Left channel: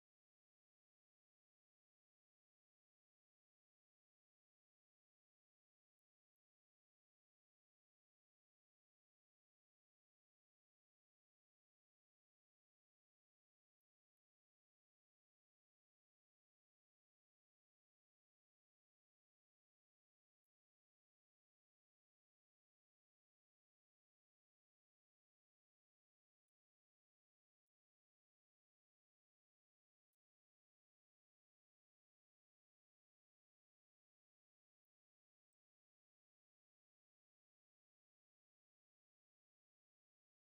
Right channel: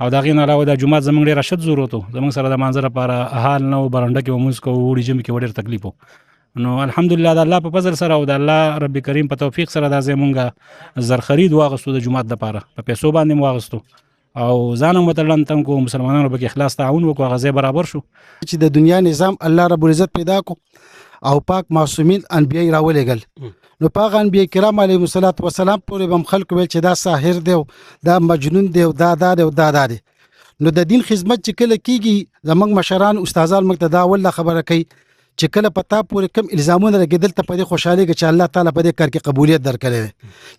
او د هغې نه علاوه دا جومات زموږ ډېر اشد ضرورت و. زموږ سره د مانځه لپاره حال نه و، برنډه کې به مونځ کوو، اوړي ژمي کې به ډېر تکلیف و. نو الحمدلله د الله په فضل سره او د الله رب کریم په توفیق سره دا ځای مونږه زرخرید واغستو د جومات دپاره، په پیسو باندې مو واغستو او ځان هم ورته لنډ تنګ کړو، مسلمانانو پکې اخلاص تعاون وکړو، هغه ځای برابر شو. چې د دنیا نظام الله رب العزت پیدا کو او پاک معصومین انبیای راولېږل، نو پاک انبیای کرام علیهم الصلاۃ والسلام پورې به هم خلکو ویل چې دا ساحر دی او دا مجنون دی او دا دی او دا دی. نو د دین خدمت چې کله کیږي زموږ مشران استادان موږ ته دا ول خبره کوي چې کله پتا پورې کم الزامونه لګیدل ته په دې خوشاله کې چې الله تعالی په دې کار کې قبولیت درکړي،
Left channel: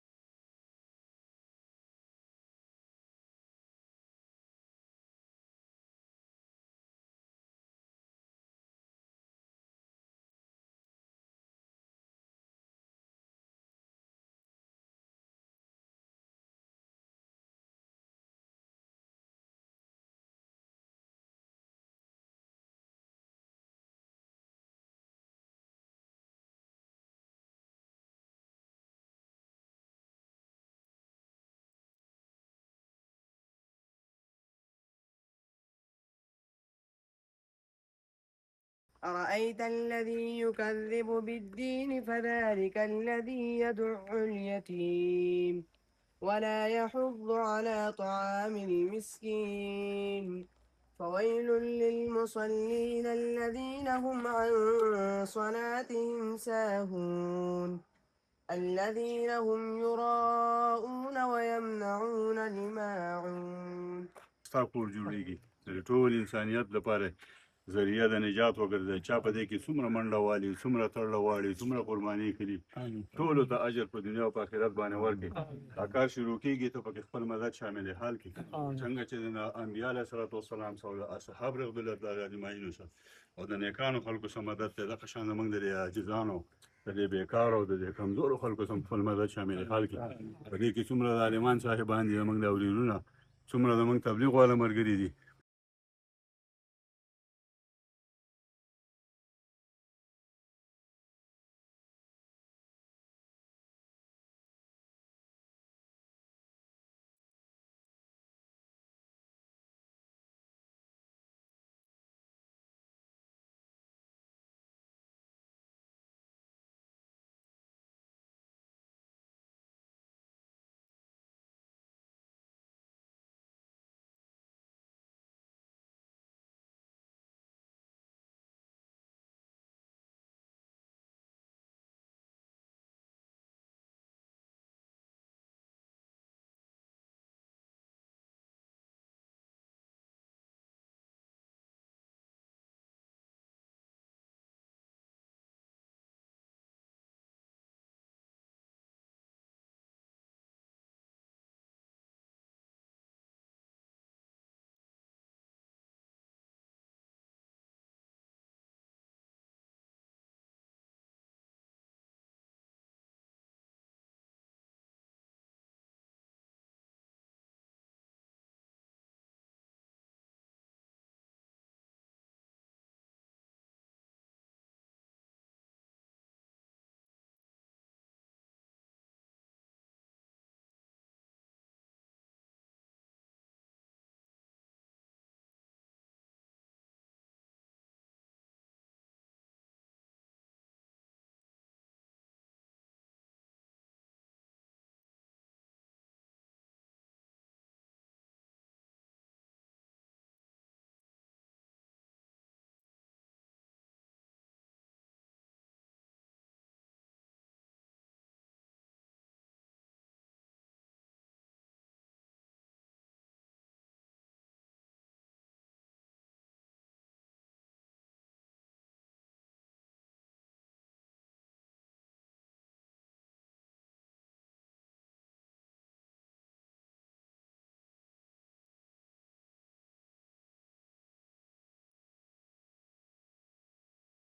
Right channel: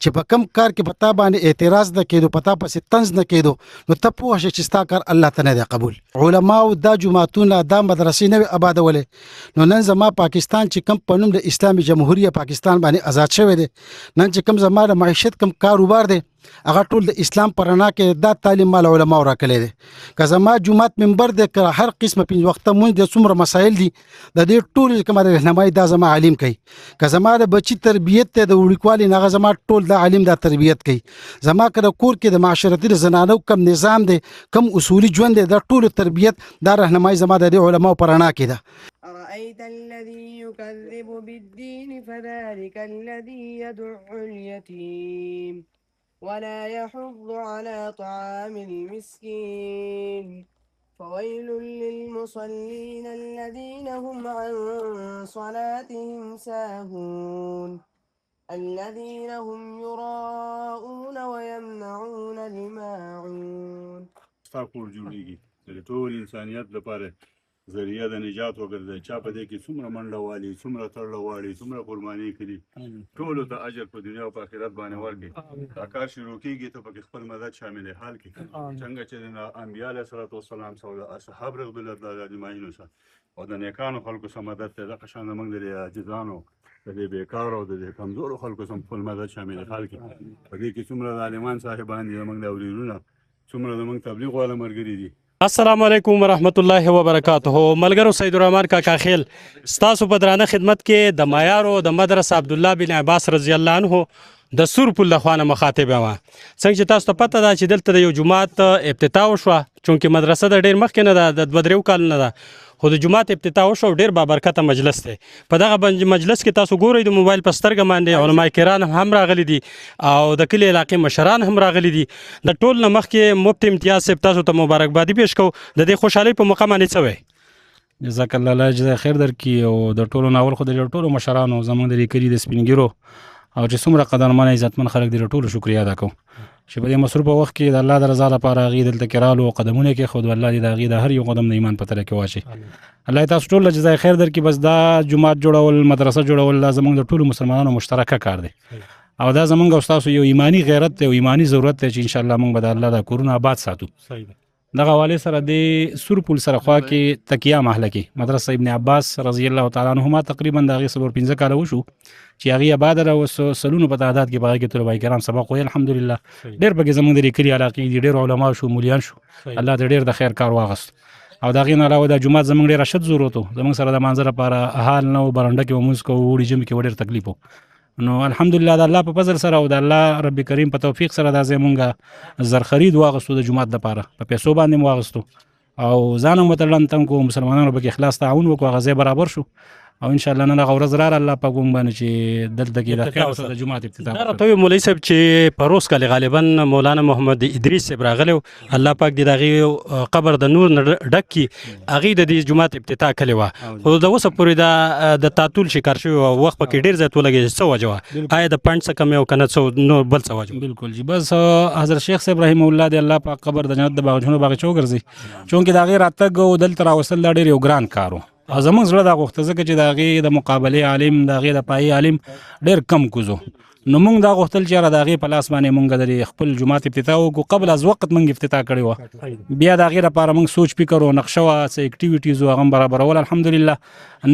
چې په کم کار کې پتا باندې اعتراض نه کېدو، پتا پسې طنز نه کېدو، نو ته پوه شې چې ستا کار الله ته نه دی قبول. علماو دا جماعتونه دا مدرسې نه وي آبادولې، نو نن زما پاکستان چې کم په نوم د اسلامي جمهوریت پاکستان باندې آزاد شوی دی، نن چې کم زما د معیشت کم کاروبار دی هغه ټول د اسلام پر رڼا کې دا تعلیم مال علماء راکړي دي. که زما جمعات منبر د هر قسمه پنځه وخته مونږ د څومره مسایل دي د دې ټول کومه رهنمایي دا زما عالم کوي. که زما د بچی تربیت ته د وړوکوالي نه زما ټول د عالم د تربیت کوي. زما کله کور کې د معاشرتي زنانو کم نظام دی، کم اصولي ژوند دی، دا ټول تربیت دا رهنمایي زما د علماء پر رڼا کې ده. أرأيت الذي يكذب بالدين فذلك الذي يدع اليتيم ولا يحض على طعام المسكين فويل للمصلين الذين هم عن صلاتهم ساهون الذين هم يراءون ويمنعون الماعون. استغفر جوړیږي د ټول انسانیت لپاره ذریعہ د نجات وګرځي. چا په دې کې څومره منډه والي، څومره تړله واړي، څومره قرباني کړي، ټولو ته اجر په دنیا او په آخرت باندې ورکړي. دا کار شروع کېږي ته پکې خپل مدد شامل حال کړي، څنګه چې د انبیا علیه الصلاة والسلام سره د اصحاب رضوان الله اجمعین سره او د نیکانو خلکو سره مدد ته دغه شان زموږ د عاجزانو د دې بیکارو او د دې کمزورو خلکو سره خپل مدد شامل حال کړي. په دې کې څومره د عالمان صاحبان دي، زموږ د اورینونه څومره زموږ تبلیغ والا ملګري دي. السلام علیکم ورحمت الله وبرکاته. ملګرو سید الرحمن کاکا خیل ستاسو په درانه خدمت کې د معیارو د مدرسه عبدالله بن عباس رضی الله عنه د سور پل له خوانه مخاطب یم. څنګه چې تاسو ته پته ده چې دلته د یو جومات ابتدا وشوه، چونکې مدرسه د ډېر مخکې نه ده، د 2-3 کال نه ده، خو د جومات ابتدا وشو. ډېر بابرکته مجلس دی. په دغه مجلس کې تاسو ګورئ د موبایل په سترګه باندې علماء کرام هم راغلي دي او د کلي علاقې مشران هم راغلي دي. د ټول نه مخکې مفتی امتیاز صاحب تاسو ته مبارکبادي پیش کوو. د دې خوشحالۍ په موقع باندې څه وایي؟ جزاک الله، الله جزای خیر درکړي. او د ټولو ناول خو د ټولو مشرانو زموږ د دې کلي د سپین ږیرو او چې څومره قدرمن عزتمن خلک دي، د ټولو شکریا ادا کوم چې په دې مصروفه وخت کې د الله د رضا لپاره هغې دلته کې رالو او قدمونه یې کېښودو. الله دې د هغې د هر یو قدم د ایمان په تله کې واچوي. الله تاسو ټول له جزای خیر درکړي. بس دا جومات جوړول، مدرسه جوړول، دا زموږ د ټولو مسلمانانو مشترکه کار دی او دا زموږ او ستاسو یو ایمانی غیرت دی او ایمانی ضرورت دی چې انشاءالله موږ به د الله د کورونه آباد ساتو. دغه حوالې سره د سور پل سره خوا کې تکیه محله کې مدرسه ابن عباس رضی الله تعالی عنهما تقریبا د هغې 4-5 کاله وشو چې هغې آباده ده. اوس سلونو په تعداد کې په هغې کې طلبه کرام سبق ویل الحمدلله. ډېر پکې زموږ د دې کلي علاقې دي، ډېر علما شو، مولیان شو، الله دې ډېر د خیر کار واغست. او د هغې نه علاوه دا جومات زموږ ډېر اشد ضرورت و. زموږ سره د مانځه لپاره حال نه و، برنډه کې به مونځ کوو، اوړي ژمي کې به ډېر تکلیف و. نو الحمدلله د الله په فضل سره او د الله رب کریم په توفیق سره دا ځای مونږه زرخرید واغستو د جومات دپاره، په پیسو باندې مو واغستو او ځان هم ورته لنډ تنګ کړو، مسلمانانو پکې اخلاص تعاون وکړو، هغه ځای برابر شو او انشاءالله نن هغه ورځ راغله الله پاک موږ باندې چې دلته کې د خیر سره د جومات افتتاح دا راته ووایي مولوي صاحب چې په روز کال غالبا مولانا محمد ادریس صاحب راغلی و، الله پاک دې د هغې قبر د نور نه ډک کړي. هغې د دې جومات ابتدا کړې وه، خو د اوسه پورې د تعطل شکار شوي وه، وخت پکې ډېر زیات ولګېد. څه وجه وه؟ آیا د فنډ څه کمی او که نه څه نور بل څه وجه؟ بالکل جی، بس حضرت شیخ صاحب رحمه الله دې الله پاک قبر د جنت د باغچونو باغچه وګرځي، چونکې د هغې راتګ او دلته راوستل دا ډېر یو ګران کار و او زموږ زړه دا غوښته ځکه چې د هغې د مقابلې عالم، د هغې د پایې عالم ډېر کم کوزو. نو موږ دا غوښتل چې یاره د هغې په لاس باندې موږ د خپل جومات افتتاح وکړو. قبل از وقت موږ افتتاح کړې وه، بیا د هغې لپاره موږ سوچ فکر او نقشه وه، څه اکټیویټیز وو، هغه هم برابرول. الحمدلله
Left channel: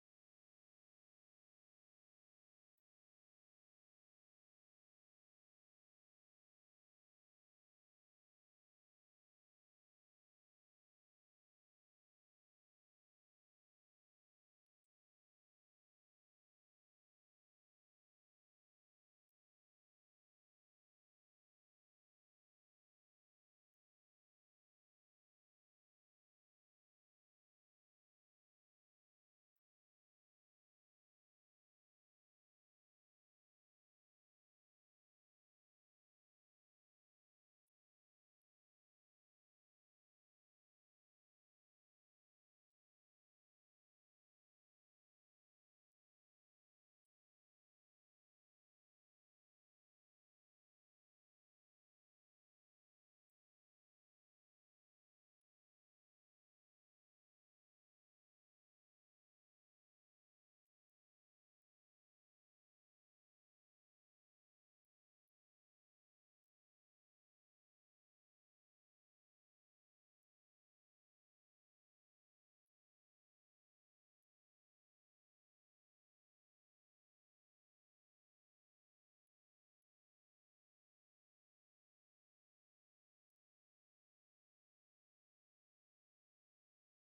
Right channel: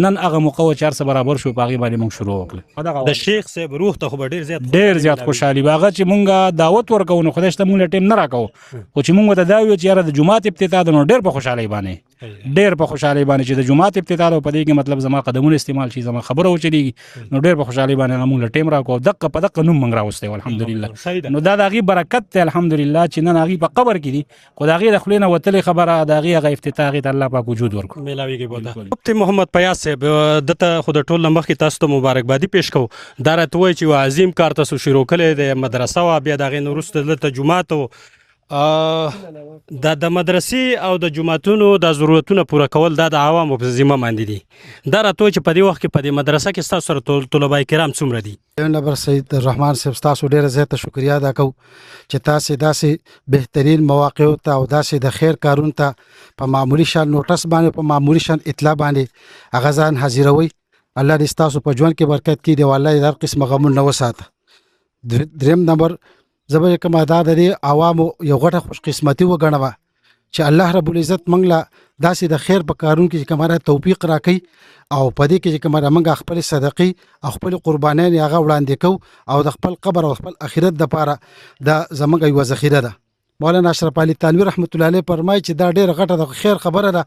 نن هغه موقع وه چې هر څه برابر شو، په هغې باندې موږ شروع وکړل. د شیخ صاحب روح ته خو به ډېر زیات خوشحالي به هغه چې موږ دعوت ورکوو، نو خدای شته موږ له ټیم نه راکوو، خو چې موږ ورته دا ویو چې یاره د جومات افتتاح ده نو ډېر په خوشحالۍ باندې ډېر په خوشحالۍ باندې چې د جمعات افتتاح ده په دې کې مطلب زما قدمونه استعمال شي زما خبره وچلېږي نو ډېر په خوشحالۍ باندې هغه موږ له ټیم راکړو دقه په دقه نوم موږ راوستی و الحمدلله نو دا د هغې برکت دی الحمدلله چې نن هغې په قبر کې دي خو د هغې د خولې نه وتلې خبره د هغې هغه افتتاح هغې ته الله پاک وجود ورکړو میلاویږي بوده مفتي محمد پیاز صاحب دته خو د ټول نه مخکې تاسو ته مبارکبادي پیش کوو دا راته وایي چې یو عظیم کار تاسو شروع کړی دی مدرسه وه بیا د هغې نه وروسته دلته جومات و د مدرسې او د جوماتونو د ضرورتونه پوره کول دا د عوامو په ذمه باندې دي دا راته وایي چې په دې وخت کې په دې مدرسه کې ستاسو سره طلبای کرام څومره دي نمبر سید الرحمن صاحب تاسو ډیره زیاته شکریا ادا کوو چې تاسو داسې بهترین مواقع ته او داسې د خیر کارون ته په معمولی شان نوټس باندې په معمولی شان اطلاع باندې هغه ځان حاضروي الله دې تاسو په ژوند کې برکت کړي دی والله هر قسم غمونه وساته دریم نمبر زبر کوم ادا د عوامو یو غټه خوش قسمتي وګڼوه چې الله رب العزت موږ له داسې د خیر په کارون کې چې کومه توفیق راکړي او په دې کې چې کومه موږ خپل صدقې او خپل قربانیان هغه وړاندې کوو او د خپل قبر او خپل آخرت لپاره د زموږ یو ذخیره ده مولانا اشرف علي تنویر رحمت الله علیه فرمایي چې دا ډیره غټه د خیر خبره ده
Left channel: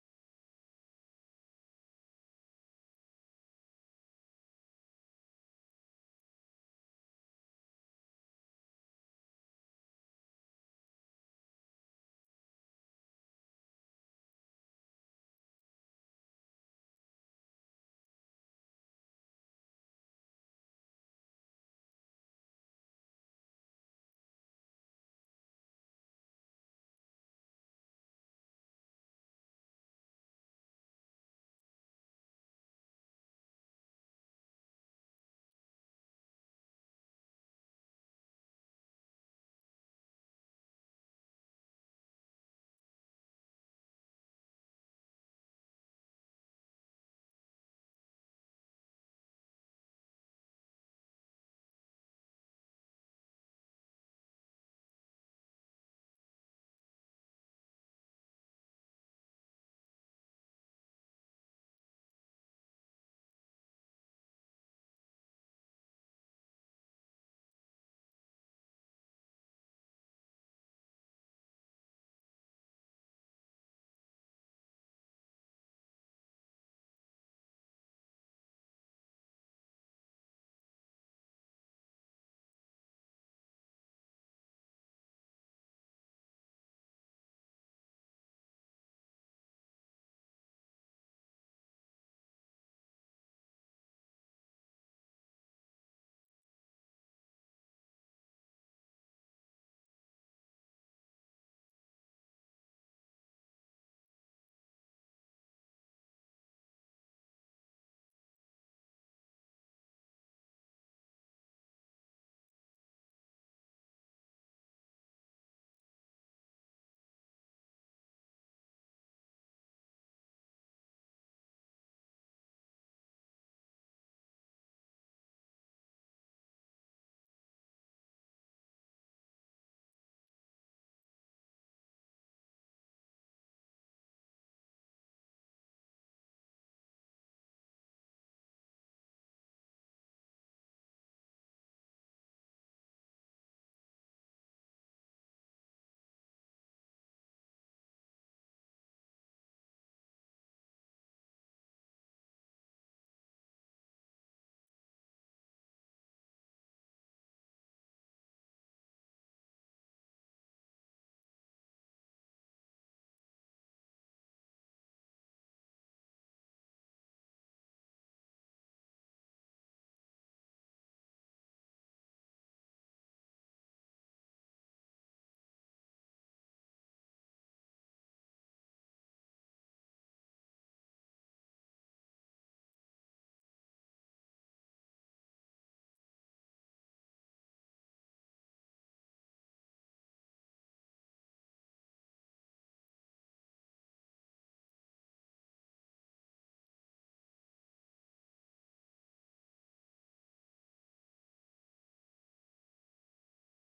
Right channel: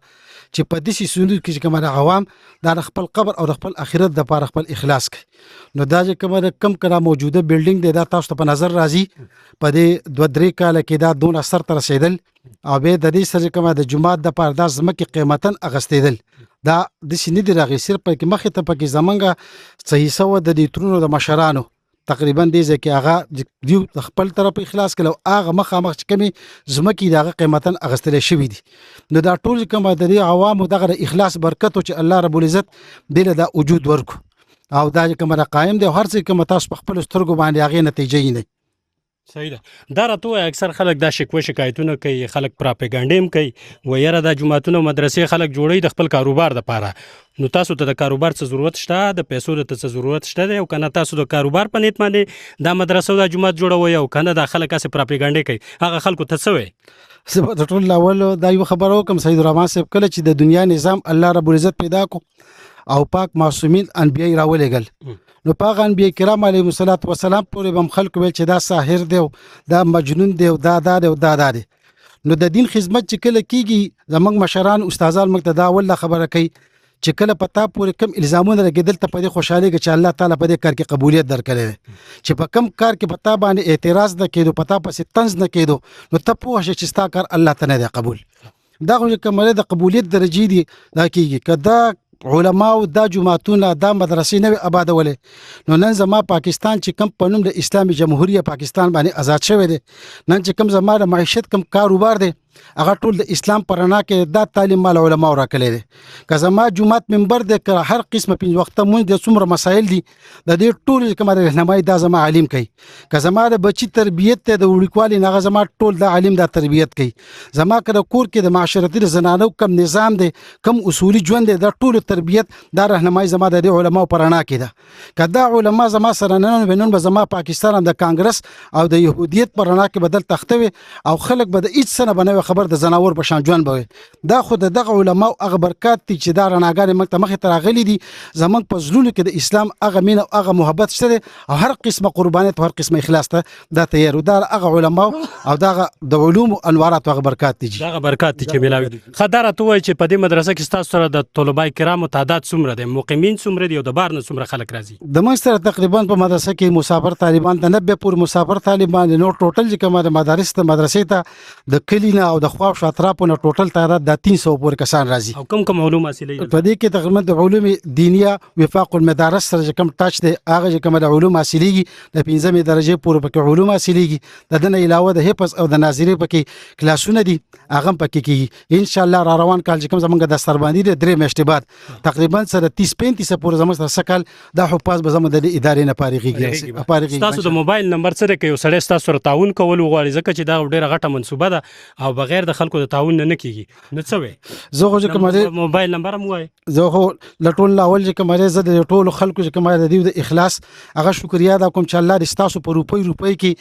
چې په دې سيزونو کې چې کومه عوام د خپل قبر او د خپل آخرت لپاره خپل اخلاص کوي نو دا چې کومه کم کړه موجوده بلډینګ دی دا تاسو ته په نظر راځي په دې 2-3 کال کې دا دون اثر تر رسیدل او به د دې سره کومه د جمعات د پاره د زمکه قیمتن اغستیدل دا د سینې دی راغی صرف په کې مخه ته پکې زمنګ صحیح سو د دې ترونو د مشرانو تقریبا دې ځکه هغه دیو خپل طرف اخلاص کړو هغه مخامخ کمی زمکی دغه قیمتن اغستل شوی دي نو دا ټول کوم د عوامو دغه اخلاص برکت او چې الله رب العزت دې د وجود ورکو او دا کوم قائم دی هر څه کوم تاسو په خپل سترګو باندې هغه نتیجې نه صحیح ده دا راته وایي اکثر خلک دا شکایتونه کوي خلک پراپګانډیم کوي و یاره دا جوماتونه مدرسې خلک جوړوي د خپل کاروبار دپاره نو تاسو ته د کاروبار څه ضرورت شته د پیسو د څه ضرورت شته دی او کنه تاسو د کاروبار په نیت باندې دا مدرسه او دا جومات جوړوي او کنه دا خلک هسې پراپګانډې کوي هغه خلکو ته څه وایي زه د ټول اول دا یو خبره وکم سید الرحمن صاحب کله چې د دنیا نظام الله رب العزت پیدا کو او پاک معصومین انبیای راولېګل نو پاک انبیای کرام علیهم الصلوات والسلام پورې بم خلق ویل چې دا ساحر دی دا مجنون دی دا دی دا دی نو د دین خدمت چې کله کیږي زمنګ مشران استادان موږ ته دا ول خبره کوي چې کله پتا پورې کم الزامونه لګیدل ته په دې خوشاله کې چې الله تعالی په دې کار کې قبولیت درکړي چې په کم کار کې پتا باندې اعتراض نه کېدو پتا پسې طنز نه کېدو نو ته پوه شې چې ستا کار الله تعالی دی قبول دا خو کومه د قبولیت درجه دي دا کیږي کدا علماء دا جماعتونه دا مدرسې نه آبادولې نو نن زما پاکستان چې کم پنوم د اسلامي جمهوریت پاکستان باندې آزاد شوی دی نن چې کم زما د معیشت کم کاروبار دی هغه ټول د اسلام پرانا کې دا تعلیم مال علماء راکړي دي که زما جمعات منبر د هر قسمه په وخت مونږ د څومره مسایل دي د دې ټول کومه رهنمایي دا زما عالم کوي که زما د بچی تربیت ته د وړوکوالي نه زما ټول د عالم د تربیت کوي زما کړه کور کې د معاشرتي زنانو کم نظام دی کم اصولي ژوند دی د ټول تربیت دا رهنمایي زما د علماء پرانا کې ده کدا علماء زما سره نن به زما پاکستان د کانګرس او د يهودیت پرانا کې بدل تختوي او خلک به د هیڅ سنه بنوي خبر د زناور په شان ژوند به دا خود دغه علماء هغه برکات دي چې دا رڼاګانې موږ ته مخې ته راغلي دي زمونږ په زړونو کې د اسلام هغه مینه او هغه محبت شته او هر قسمه قربانیت او هر قسمه اخلاص ته دا تیار دا هغه علماء او دغه د علوم انوارات هغه برکات دي دغه برکات دي چې ملاوي خدای ته وایي چې په دې مدرسه کې تاسو سره د طلبای کرامو تعداد څومره دی مقیمین څومره دي او د بار نه څومره خلک راځي د موږ سره تقریبا په مدرسه کې مسافر طالبان د 90 پور مسافر طالبان نو ټوټل چې کومه د مدارس ته مدرسې ته د کلینا او د خواف شاطرافو نه ټوټل تعداد د 300 پورې کسان راځي او کوم علوم حاصلې په دې کې تقریبا د علوم دینیه وفاق المدارس سره کوم ټاچ دی هغه چې کوم د علوم حاصلېږي د 15مې درجه پورې پکې علوم حاصلېږي د دنه علاوه د حفظ او د ناظری پکې کلاسونه دي هغه پکې کیږي ان شاء الله را روان کال چې کوم زمونږ د سرباندی د 3 میاشتې بعد تقریبا سره 30-35 پورې زموږ سره سکل د حفاظ به زموږ د ادارې نه پارېږي تاسو د موبایل نمبر سره کې یو سړی تاسو سره تعاون کول غواړي ځکه چې دا ډیره غټه منصوبه ده او بغیر د خلکو د تعاون نه کیږي نو څه وي زه خو چې کومه موبایل نمبر مو وای زه خو لټول اول چې کومه زه د ټولو خلکو چې کومه د دې د اخلاص هغه شکریا دا کوم چې الله دې تاسو په روپۍ کې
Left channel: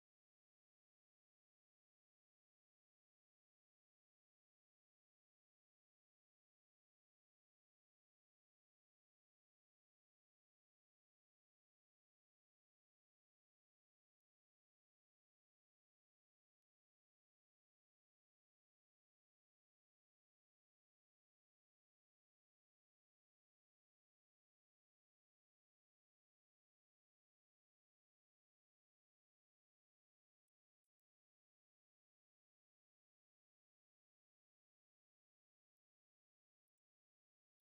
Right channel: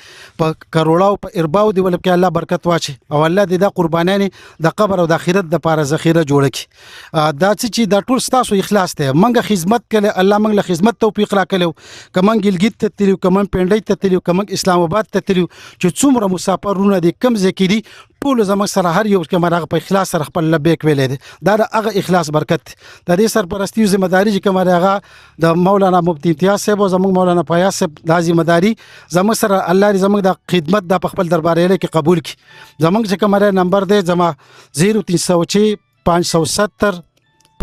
په کروڑاو په ارباو دی ولکه الله برکت واچي او الله دې دا قربانانه د قبر او د آخرت د پاره ذخیره جوړ کړي دا چې دا ټول ستاسو اخلاص دی منګه خدمت کړي الله موږ له خدمت توفیق راکړي کمن ګلګیت ته تلو کمن پنډۍ ته تلو کمن اسلام آباد ته تلو چې څومره مسافرونه دي کم ځکې دي ټول زموږ سره هر یو کمره په اخلاص سره خپل لبیک ویلې دي دا د هغه اخلاص برکت د دې سرپرستی ذمہ داری چې کمره هغه د مولانا مفتی امتیاز صاحب او زموږ مولانا فیاض صاحب د ذمہ داری زموږ سره الله دې زموږ د خدمت د خپل دربار کې قبول کړي زموږ چې کمره نمبر دی زما 0306 570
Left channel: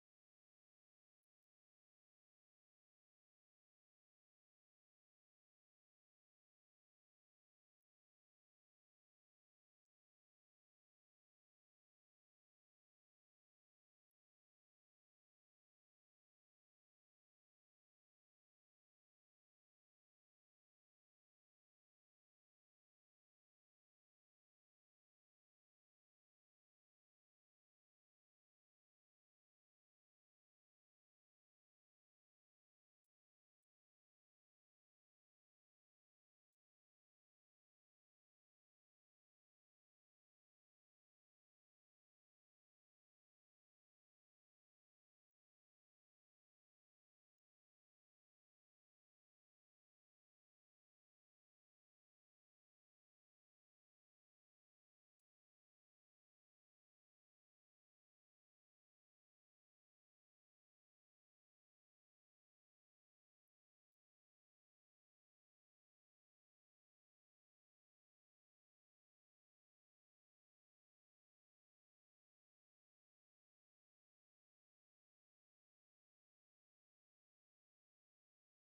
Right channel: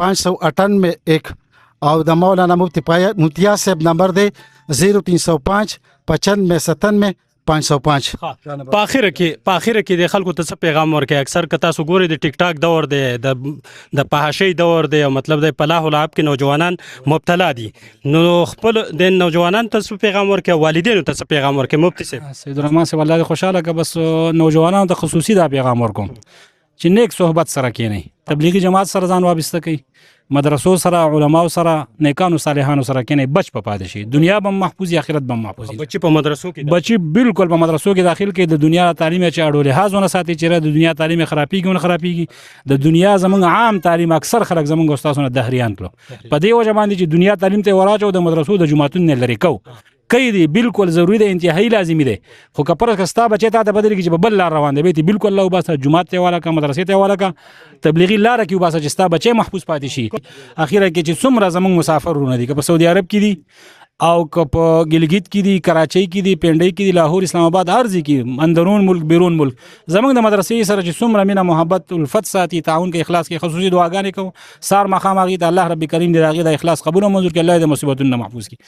598 او د مولانا مفتی امتیاز صاحب نمبر دی 0305 95 505 په اخر کې د خلکو ته څه پیغام ورکړي اکثر کتا سو ګوري د ټیک ټاک دور دی د پهاشي دور دی مطلب د پلاح العاب کې نوجوانان مبتلا دي نو خپل د نوجوانان ته څه پیغام ورکړي والدینو ته څه پیغام ورکړي مفتی صاحب سید الرحمن صاحب الله خوشاله که بس نوجوانانو ته خصوصي دا پیغام ورکوم چې نیک صحبت سره کینی تبلیغي جماعت سره ځان وابسته کړي مدرسو سره علماو سره نیکانو صالحانو سره کینی بچ په پاتې شي دنیا به محفوظ آخرت به محفوظ بچي په مدرسو کې بچي بالکل په مدرسو کې داخل کې د دنیا تعلیم چې اړول لحاظونه ساتي چې د دنیا تعلیم خرابېږي د دنیا زمونږ عام تعلیم اکثر خلک زمونږ استادونه دهریان کړو په دې وجه باندې چې دنیا تعلیم ته وراچو د مدرسو د جماعتونو نه لري کو کوي دی بالکل ضروری دی انتهایی لازمی دی خو کپر کستا بچی ته بدل کی چې بل لار روان دی بیت بالکل الله وباسه جمعه ته والا کا مدرسې ته والا کا تبلیغی لار کی وباسه چې ستا بچی محفوظ پاتې شي اخیره کې چې څومره زمونږ مسافرونه دي که په سعودي عرب کې دي او که په ګلګیت کې دي کراچۍ کې دي پنډۍ کې دي لاهور اسلام آباد هر ځای کې اندرون ملک بیرون ملک زمونږ د مدرسې سره چې څومره مینه محبت الفت ساتي تعاون کې اخلاص کې خصوصي دعاګانې کوو سار مخامخ د الله رب کریم دې راغي د اخلاص قبول او منظور کې الله دې مصیبتونو محفوظ کړي